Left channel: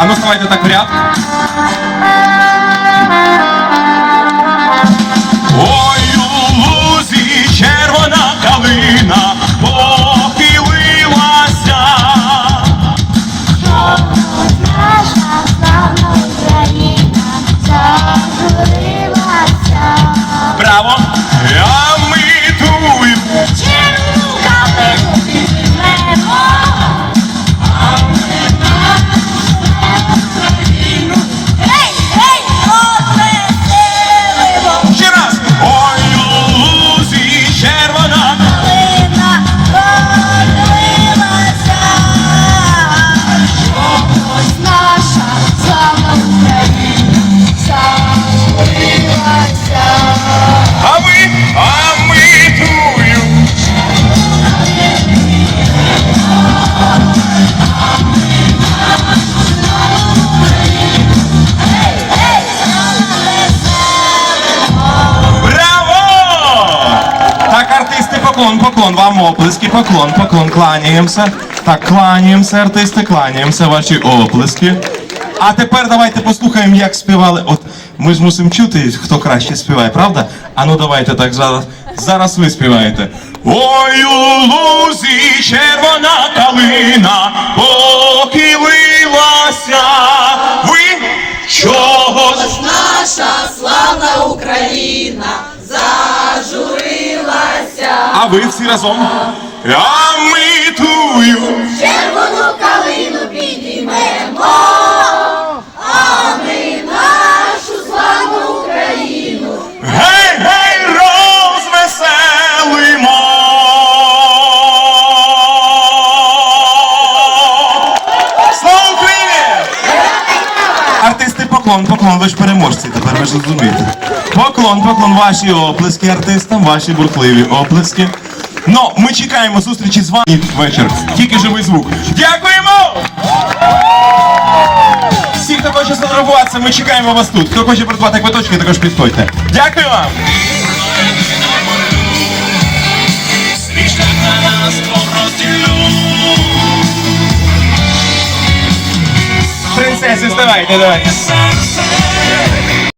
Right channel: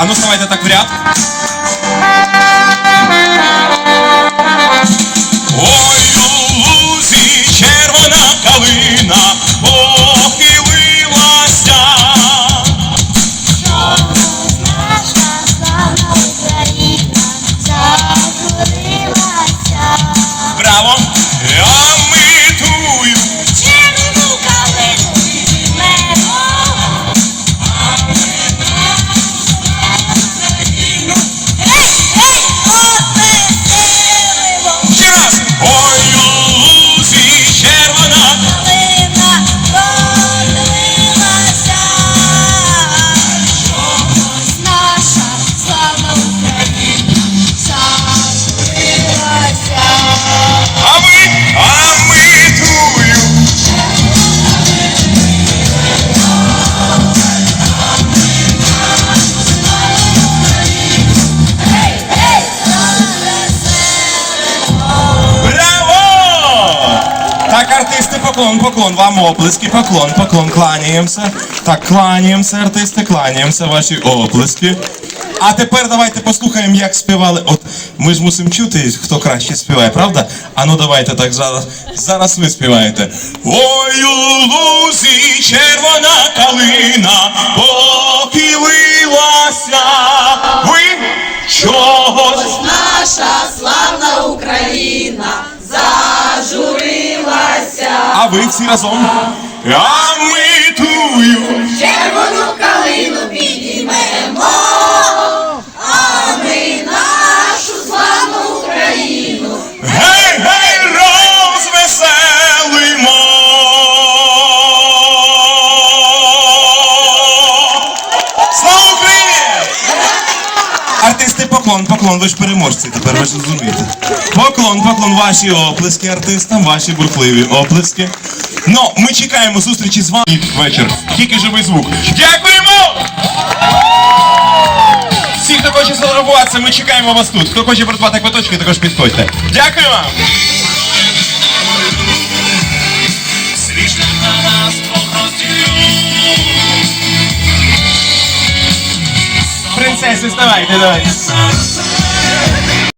А ну ставайте так в ряд. Поклон, поклон, вам оплески, поклон, поклон, кланяємося. Так, кланяємося, артисти, кланяємося, ваші оплески. А тепер давайте послухаємо, як співали. От ми ж мусимо чути, хто краще співає, правда? А ну давайте так зараз. Зараз ви співаєте. Ой, у лузі червона калина похилилася. Ви чого? Наша славна Україна зажурилася, А ви всі разом. Поклон, поклон, ви ж переможці, тепер ви ж розумієте. Поклон, поклон, ваші оплески артистам, ваші бурхливі оплески. Ну, ми чекаємо зустрічі з вами вечір. Тільки живий звук. Дякуємо! Всі, хто хоче сфотографуватися, ми чекаємо вас тут. Хто хоче придбати квиточки, також підходьте. Дякую вам! Принцеси, вставайте, давайте.